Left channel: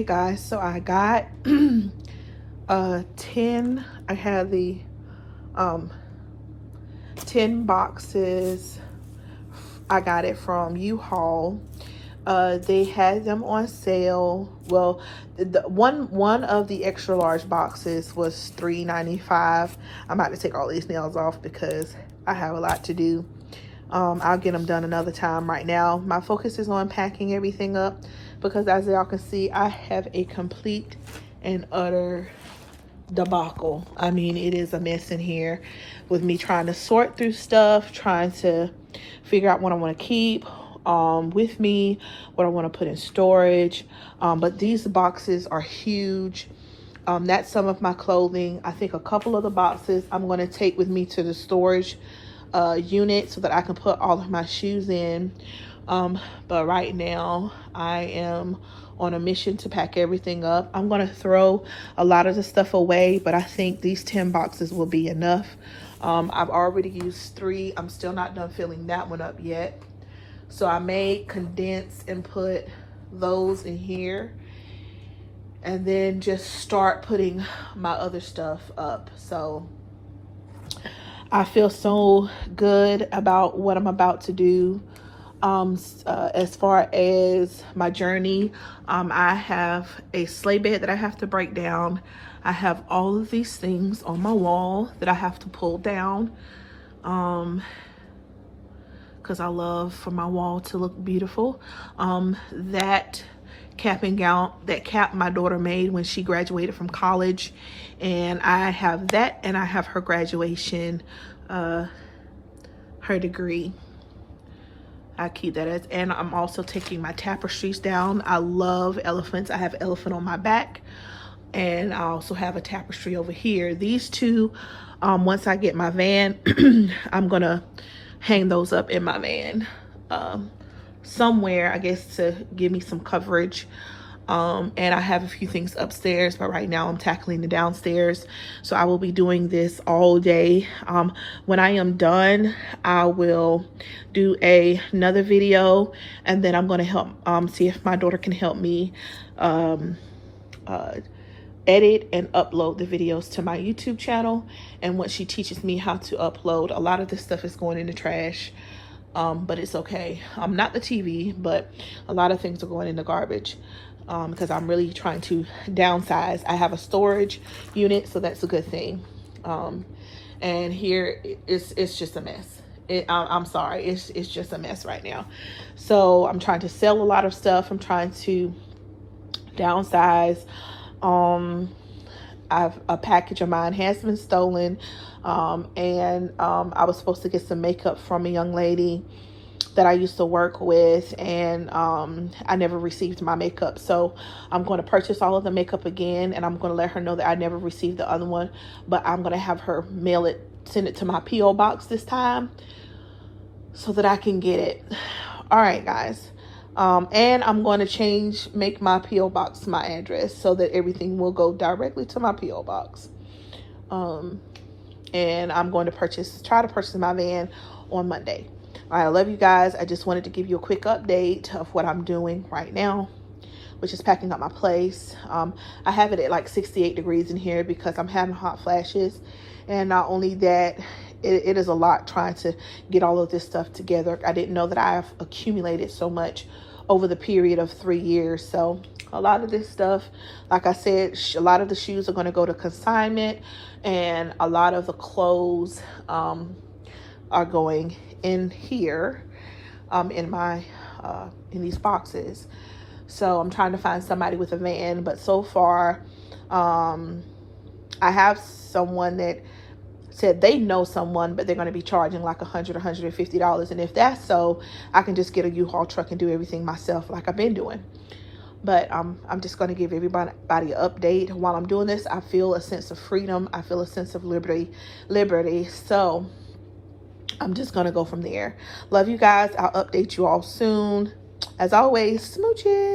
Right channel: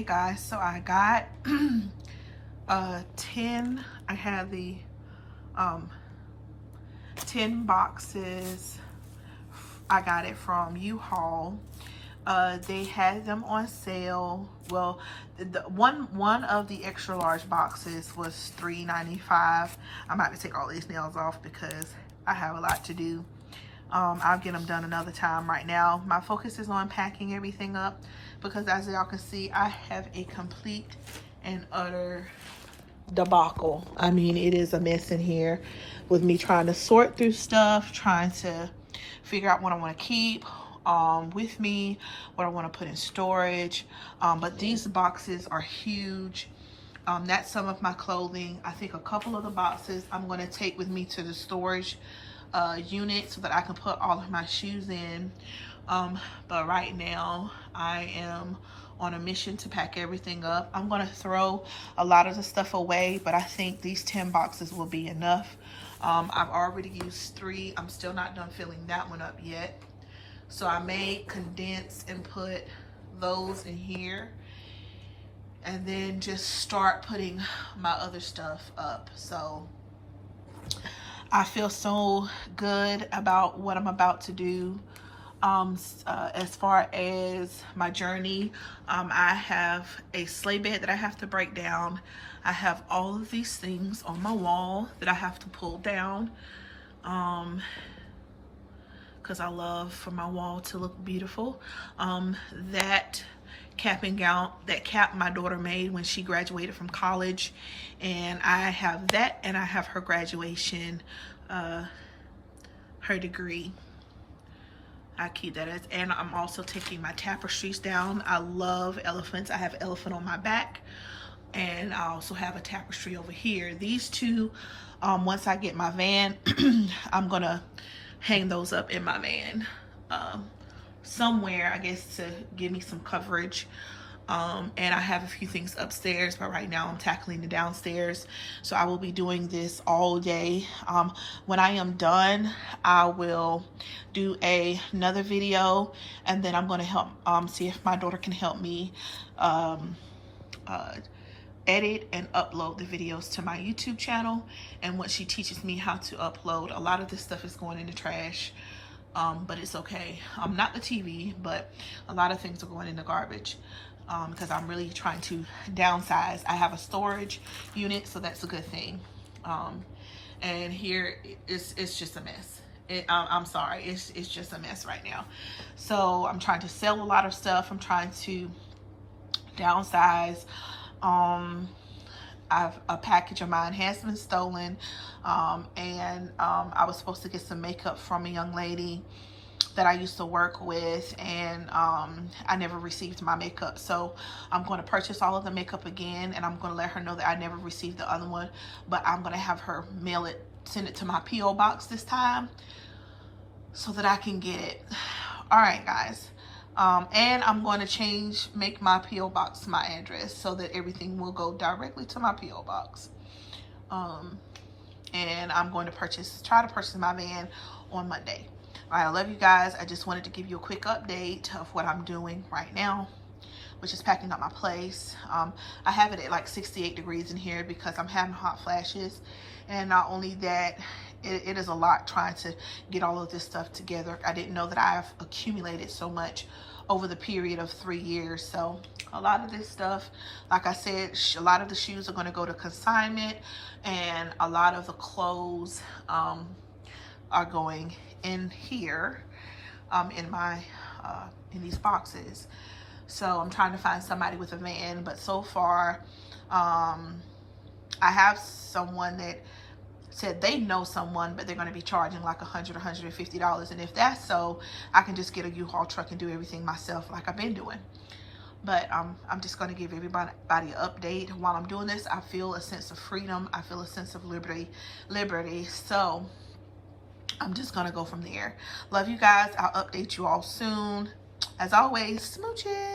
Hey guys, so I got 10, I had the 10 boxes. I got it from U-Haul. They had them on sale. Well, the one of the extra large boxes was $3.95. I'm about to take all these nails off because I have a lot to do. I'll get them done another time. Right now my focus is on packing everything up because, as y'all can see, I have a complete and utter debacle. I mean, it is a mess in here with me trying to sort through stuff, trying to figure out what I want to keep with me, what I want to put in storage. But these boxes are huge. That's some of my clothing. I think a couple of the boxes I'm going to take with me to the storage unit so that I can put all of my shoes in. But right now I am on a mission to pack everything up. I'm going to throw a lot of the stuff away, but I think these 10 boxes will be enough. I've already used 3. I'm still not done filling that one up yet. So I may condense and put those in here and then just start putting my other stuff up. So I feel so good about what I'm about to do. As far as my journey, I have a sleigh bed that I have to break down. I have all of these things on my wall that I have to pull down because I love for my wall to look beautiful. That cap and gown, that cap my daughter made when she graduated from college, and I have that, and I have her graduation, her degree. I keep that as, and I'm also taking my tapestries down. I love elephants. I have an elephant on my back, and I also have a tapestry over here. These two, once I get my van, I'm gonna hang those up in my van somewhere, I guess, to give me some coverage. And I have a few things upstairs, but right now I'm tackling the downstairs. So I will be doing this all day. When I am done, I will do another video, and then I'm going to help see if my daughter can help me edit and upload the videos to my YouTube channel. And once she teaches me how to upload, a lot of this stuff is going in the trash. But it's okay. Not the TV, but a lot of things are going in the garbage because I'm really trying to downsize. I have a storage unit, so that's a good thing. And here it's just a mess. I'm sorry, it's just a mess right now. So I'm trying to sell a lot of stuff. I'm trying to downsize. A package of mine has been stolen, and I was supposed to get some makeup from a young lady that I used to work with, and I never received my makeup. So I'm going to purchase all of the makeup again, and I'm going to let her know that I never received the other one, but I'm going to have her mail it, send it to my P.O. box this time so that I can get it. All right, guys. And I'm going to make my P.O. box my address so that everything will go directly to my P.O. box. And I'm going to try to purchase my van on Monday. All right, I love you guys. I just wanted to give you a quick update of what I'm doing right now, which is packing up my place. I have it at like 68 degrees in here because I'm having hot flashes. And not only that, it is a lot trying to get all of this stuff together. I didn't know that I have accumulated so much over the period of 3 years. So a lot of this stuff, like I said, a lot of the shoes are going to go to consignment, and a lot of the clothes are going in here in these boxes. So I'm trying to find somebody with a van, but so far I have someone that said they know someone, but they're going to be charging like $100, $150. And if that's so, I can just get a U-Haul truck and do everything myself like I've been doing. But I'm just going to give everybody an update. While I'm doing this, I feel a sense of freedom. I feel a sense of liberty. So I'm just going to go from there. Love you guys. I'll update you all soon. As always, smooches.